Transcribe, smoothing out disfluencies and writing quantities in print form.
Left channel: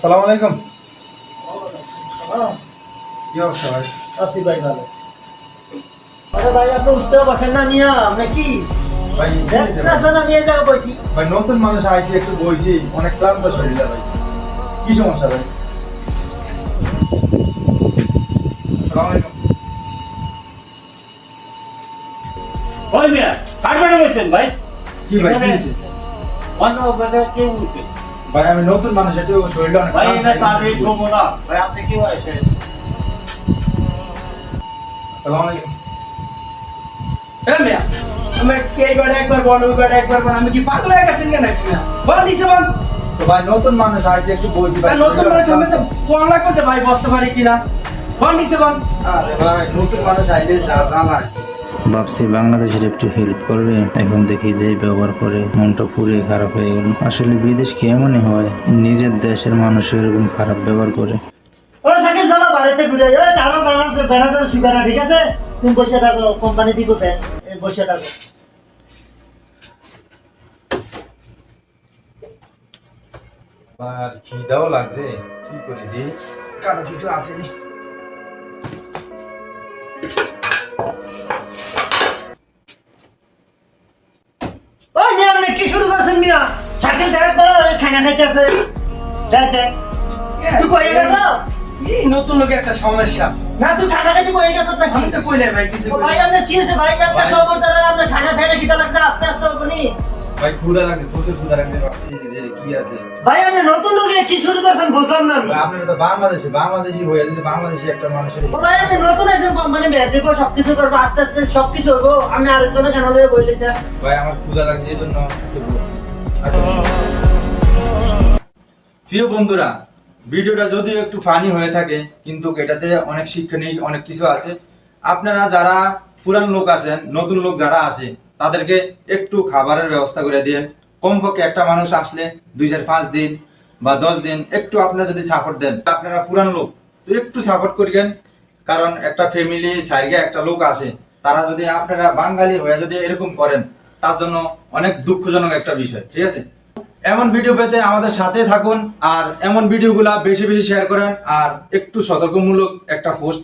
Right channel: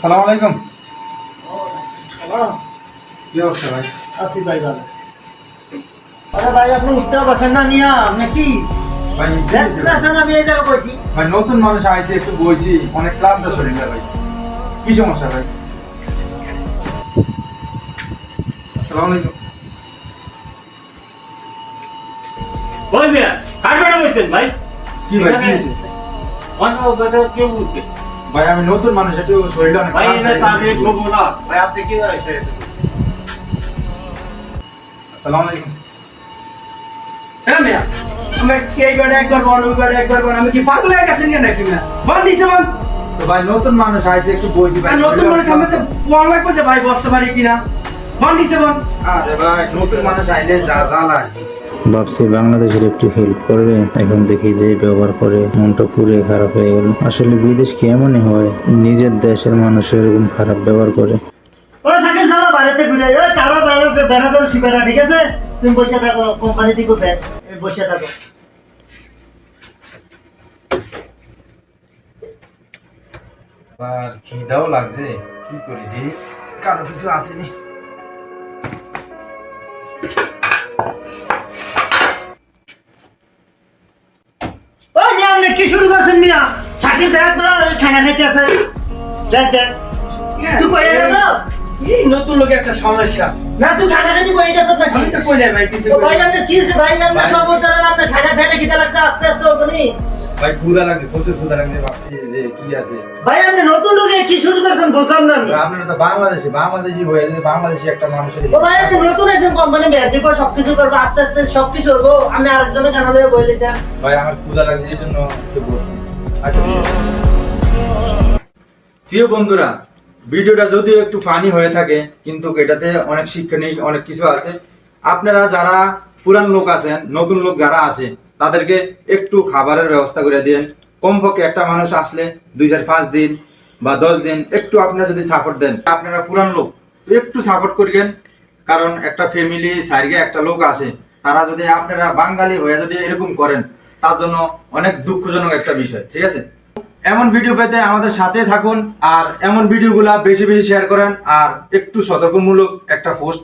আসসালামু আলাইকুম। কি অবস্থা ভাই? আছি ভাই ভালো। আরে ভাই আপনি উঠতে বসেন না মিয়া, আপনি কি ভাই দেখতেছেন আমি এই জায়গায় বসি? ভাই নতুন মানুষ আইছে, একটু বইছি, অনেক ক্লান্ত শরীরটা ভাই। কি সমস্যা ভাই? আসসালামু আলাইকুম। ওই মিয়া কার বেড়ে বসেন ভাই? কি ভাই কি হইছে? অন্য বেড়ে কেউ বসে ভাই আমি নতুন মানুষ, একটু শরীরটা অনেক ভাই ক্লান্ত এনে ভাই। তাহলে শোবো না ভাই, আপনি কি ভাই? আসসালামু আলাইকুম। হ্যাঁ মিয়া, আমরা কি এইবারে একবার বল, ওইবারে একবার বল, আমি কি পাগল হয়ে গেছেন কেন নাকি মিয়া? বল নিছে বল। তো ভাই নতুন মানুষ আইছে, একটু বইছি ভাই। আর নতুন মানুষ আমি তো বল লাগবে যে ভাই বসতে পারি কিনা। বল নিছে বল। আরে ভাই নতুন মানুষ আইলে যা জ্বালায়। ভাবছি বাংলাদেশের একটু হেল্প করবে, এখন দেখি যে ব্যবহার করে মনটা পুরে খারাপ হয়ে গেল। আসলে বিদেশ কি এমনই হয়, নিজের দেশের মানুষ এরকম খারাপ ব্যবহার করে। ওই সাইকেল চালা বাড়িতে ঘুরে ওই চারো বানার ব্যানার শিকারা, ঠিক আছে? তুমি বসে থাকো, কোম্পানি থেকে উঠে বসে থাকো। আর খিদাও লাগছে, কি করি রে? কারো কিছু আসেনি। ওই মিয়া আপনি কি শুরু করছেন মিয়া? সাইকেল দেখ বড় খানা খাইতে আছে। দেখ দেখ তুই কই গেছ? এই নতুন লোক একটা সমস্যা। না তুই খানা খাইতে কই গেছ নাকি? আমি তো কইলে ভাই কিছু ও ভাই আপনি কি হইছে ভাই? আপনি সব বলতেন আপনি খানা খাইতে কি লাগছে আস্তে আস্তে আপনি? ভাই ক্ষুধা লাগছে, প্রচুর ক্ষুধা লাগছে, ভাবছি যে কি আছে। ভাই আপনি নতুন লোকে কি শুরু করছেন বুঝলাম না আমি। আপনারা তো বাংলাদেশি হয়ে যদি বাংলাদেশি একটা মানুষের ও ভাই আপনি নতুন একজন কোম্পানি বের দিব, সবকিছু করবো আস্তে আস্তে সবকিছু করবো। আপনি আরেকজনের খানা লয়ে বলেছেন। ভাই আমার ক্ষুধা লাগছে, এই জন্য একটু বসছি। আচ্ছা ঠিক আছে। প্রিয় বন্ধুরা, ভিডিওটা যদিও একটু ফানি হয়ে থাকে, কিন্তু এটাতে অনেক শিক্ষণীয় অনেক কিছু আছে। আপনারা যারা পুরান লোক আছেন, নতুন লোক যারা আসে, তাদেরকে একটু খাবারের ব্যবস্থা করে দিন। কমপক্ষে একটা মানুষ আসলে 2-5 দিন বা 10 দিন একটু আপনারা যদি সাপোর্ট দেন, আপনারা পুরান লোক তো একটু সাপোর্ট করবেন। কারণ একটা ফ্যামিলি সাইডে একটা লোক আসে, তারা যদি আপনারা বাঙালি হয়ে যদি এরকম করেন, তার জন্য অনেক দুঃখজনক একটা বিষয়। ঠিক আছে, এমন ভিডিও পেতে আমাদের সাথে থাকুন, আর এমন ভিডিওগুলা বেশি বেশি শেয়ার করেন, আর একটু সতর্কমূলক একটা পোস্ট